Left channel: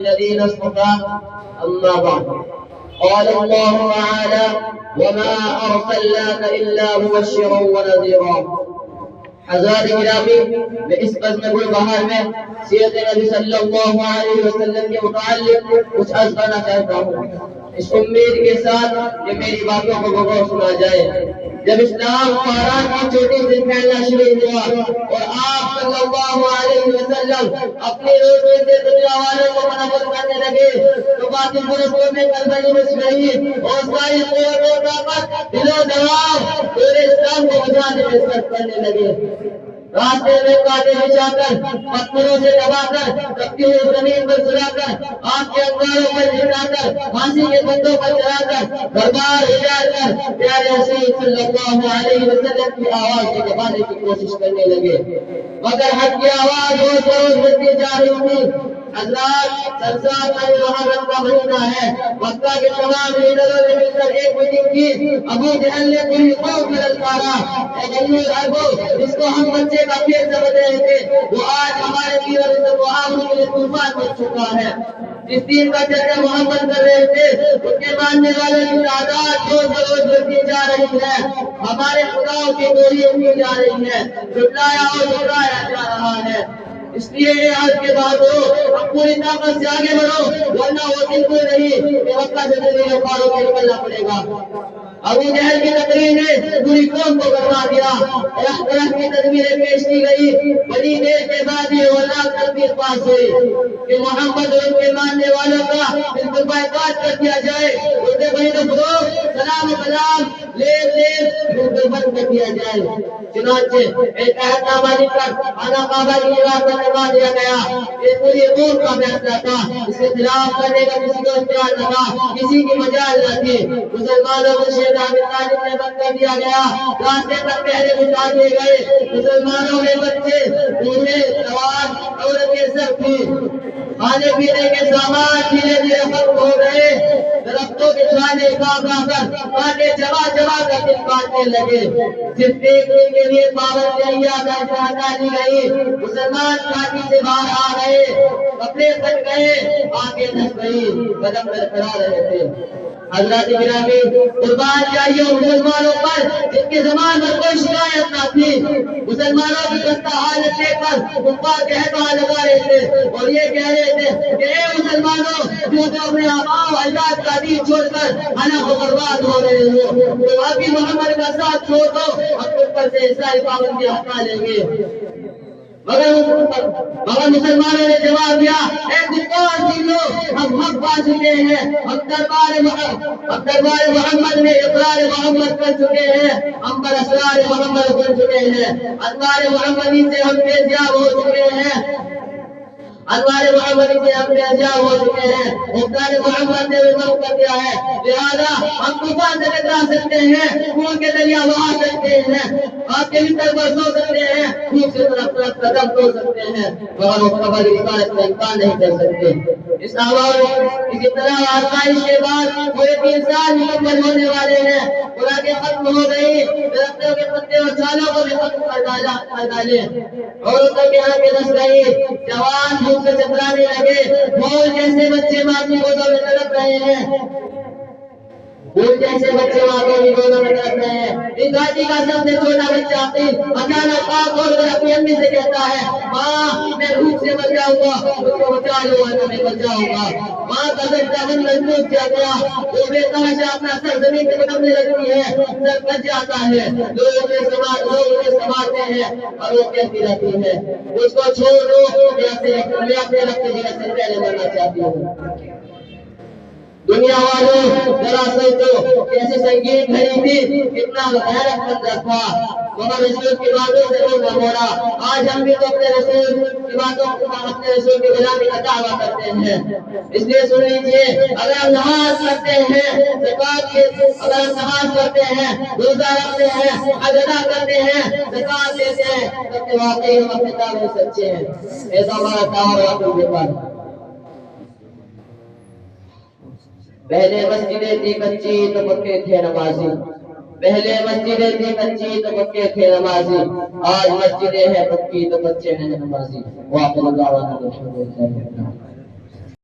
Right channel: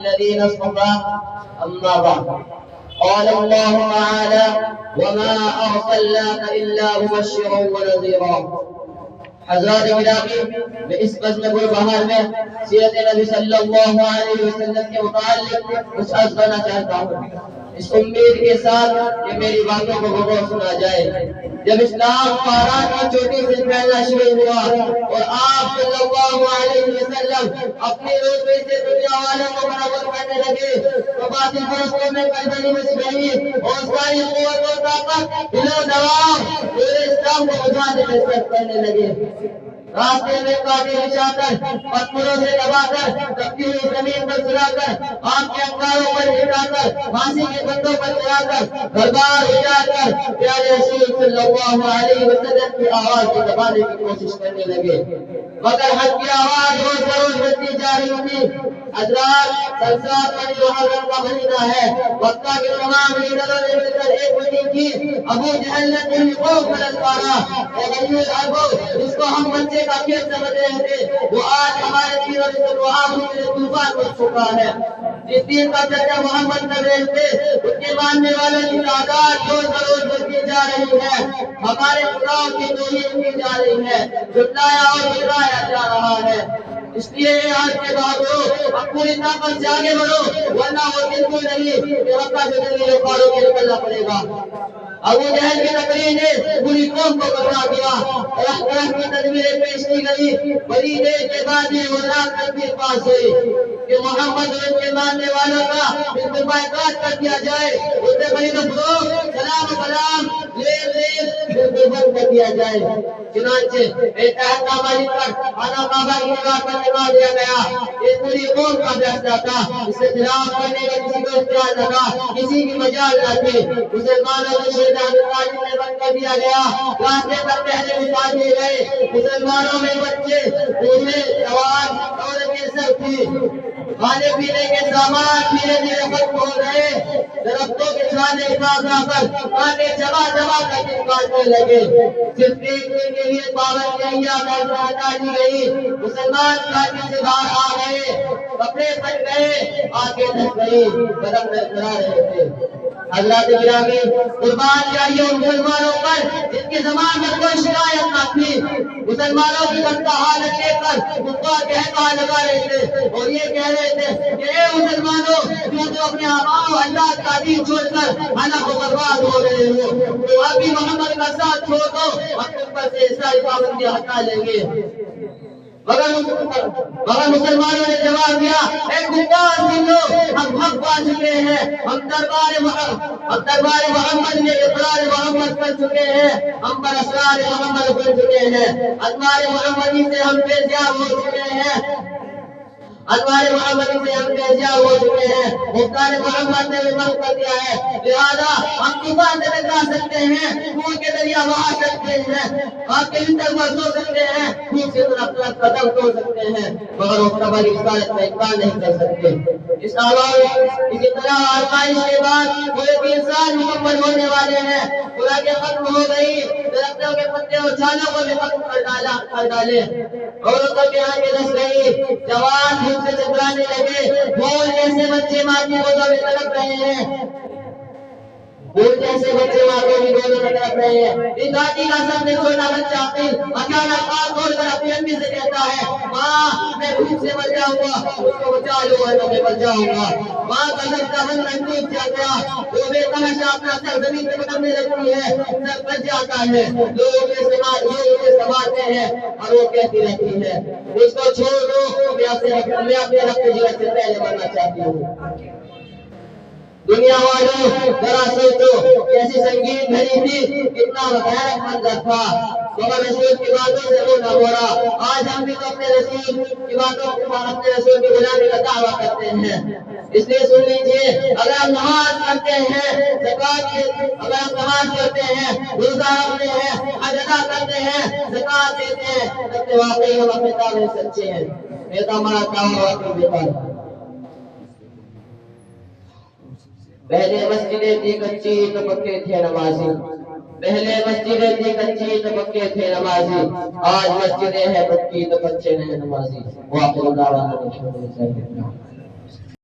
الذين اصطفى أما بعد قال الله تعالى وما أرسلناك إلا مبشرا ونذيرا حضرات گرامی میں اس بزم گلبہار میں سیرت نبی صلی اللہ علیہ وسلم کے متعلق کچھ عرض کرنا چاہتا ہوں اس امید کے ساتھ کہ میری باتوں کو غور سنا جائے۔ جب اسلام فاران کی چوٹی سے پھیلنا شروع ہوا اور آپ صلی اللہ علیہ وسلم اپنے روزے سے دنیا والوں کو منور کرنے لگے تو باطل پرستوں میں کلبلی مچ گئی اور ساری قوت و طاقت دل و دماغ پورے اسلام کو بجانے میں صرف کرنے لگے۔ راستے میں کانٹے بچھا کر پتھروں سے دبا کر تپتی ہوئی زمین پر سلا کر آگ کے انگاروں پر لٹا کر پھانسی کے بندوں پر چڑھا کر دربار اجاڑ کر پیارے رسول صلی اللہ علیہ وسلم کی آواز کو دبانے کی کوشش کرنے لگے، مگر حق کی آواز روز بروز بڑھتی جا رہی تھی۔ حضرات سرسات میں محرم کا مہینہ ہے، مکہ کے تمام لیڈروں نے مل کر ایک میٹنگ کی۔ ابو جہل نے پوری قوم کو للکارا، اے بنی العرب جس کو ہم بچے کا کھیل سمجھ رہے تھے وہ آج ہمارے دین اور عزت و آبرو کے لیے طوفان بن چکا ہے۔ جس دین کا چرچا محمد کر رہے تھے اس کے ماننے والوں کی تعداد روز بروز بڑھتی جا رہی ہے، ہمارے خداؤں کی توہین کی جا رہی ہے، جھٹلایا اور جھٹلایا جا رہا ہے۔ اس لیے آج کے بعد اب پوری طاقت سے آگے بڑھو ورنہ وہ دن کو نہیں کہ مکہ سے دلی پاروں کے نکلنا پڑے گا۔ ابو جہل کی تقریر نے پوری قوم کو بتا دیا، طرح کی تدبیریں پیش کی گئی۔ بڑی دیر کے بعد یہ وزارت تدبیر پاس ہوئی کہ محمد اور ان کے ماننے والوں کا بالکل بائیکاٹ کر دیا جائے، اسے بڑی دفرو سلام و کلام بالکل بند کر دیا جائے۔ چنانچہ ایک عہد نامہ لکھ کر خانہ کعبہ کی دیوار پر لگا دیا گیا۔ یہ پوری قوم کا فیصلہ تھا، اس کے خلاف کرنے کا کسی کو اختیار نہ تھا، کسی کی مجال نہ تھی۔ مسلمانوں کو شیر ابی طالب میں بند کر دیا گیا، راستے تک پہرے بچھا دیے گئے۔ مسلمانوں میں بچے بوڑھے جوان عورتیں سب تھی۔ کھانے پینے کے سامان دھیرے دھیرے ختم ہو گئے، درختوں کے چھانے کاٹ کر کانٹے جما جما کر دن کاٹنے لگے۔ صرف دیکھنے کے لیے پابندیاں ہٹا دی گئی، مسلمان کھاتی سے باہر آ گئے، کپڑے پھٹ گئے، آنکھیں دھس گئی، قدم برقرار رہے تھے۔ حضرات گرامی قربان جائیے مسلمانوں پر جن کی زبان پر کوئی شکایت نہ تھی، مسلمانوں کی خستہ حالت دیکھ کر کفار کہتا لگا رہے تھے اور یہ کہہ رہے تھے کہ اے مسلمانوں جو تو اپنے آباء و اجداد کا دین چھوڑ کر ہلاک و برباد ہو رہے ہو، تو ابھی محمد کا ساتھ چھوڑ دو، ہم تم پر سے ساری پابندیاں ہٹا لیں گے۔ مگر مسلمانوں نے جواب دیا اے کفار سن لو، ہم حق پا چکے ہیں، ہم دربار محمد میں اقرار محمد کر چکے ہیں، ہم پر اسرار محمد بن چکے ہیں، انوار محمدی سے ہم فیضیاب ہو چکے ہیں، انوار محمدی سے ہم فیضیاب ہو چکے ہیں، مختار محمد نے بھی معاف کر دیا ہے، لہذا ہم طوفان سے ٹکرا سکتے ہیں، خون کے دریا بہا سکتے ہیں، آپ کے بستر پر سو سکتے ہیں، خون سے طرف قدم دھو سکتے ہیں، مگر اس خبر رسالت کا انکار نہیں کر سکتے۔ اس طرح آزمائش کے بعد پورے 3 سال مکمل ہونے والے ہیں، خوراکیں ختم ہو گئی، درختوں کے پتے اور چھالوں کو بھی ختم کر ڈالے، عورتوں کے آنکھیں دھس گئی، جوان بھوک سے چکرانے لگے، بھول جیسے بچے ماں کی گودوں میں تڑپ رہے ہیں، بھول جیسے بچے ماں کی گودوں میں تڑپ رہے ہیں۔ اس گھاٹی کا سب سے چھوٹا بچہ عقیل اچانک آپ اور اپنی امی سے کہتا ہے ماں میں بھوک سے مر جاؤں گا، اس کو بچا لو ورنہ میں مر جاؤں گا۔ ماں کا سجدہ بندن ٹوٹ گیا، وہ بے تحاشا اپنا سر زمین پہ پٹکنے لگتی ہے، سر بچ جاتا ہے، لوگ اسے سنبھالتے ہیں اور وہ کہتی رہتی ہے اس کو چھوڑ دو، میں اپنے رب کی جگہ سے پہلے مرنا چاہتی ہوں۔ دنیا والوں ذرا سوچو کیسی سنگین بھری تھی، کتنا بھیانک منظر تھا، مگر رسول کی باتوں سے وہ نہ موڑا۔ آج ہم بھی تو اپنے رسول کی باتوں کو اپنے رسول کی غلامی کا دعویٰ کرتے ہیں، اس لیے سن لیجئے اگر ہم نماز پڑھتے ہیں، اگر ہم نماز پڑھتے ہیں، روزہ رکھتے ہیں، حج ادا کرتے ہیں، زکوٰۃ دیتے ہیں، تو واقعی ہم اپنے دعوے سچے ہیں، ایسا ہمارا دعویٰ واقعی بےکار۔ پہلے مسجدیں تھی کچی تو پکے تھے نمازی، پہلے مسجدیں تھی کچی تو پکے تھے نمازی، آج مسجدیں ہیں پکی تو کچے ہیں نمازی۔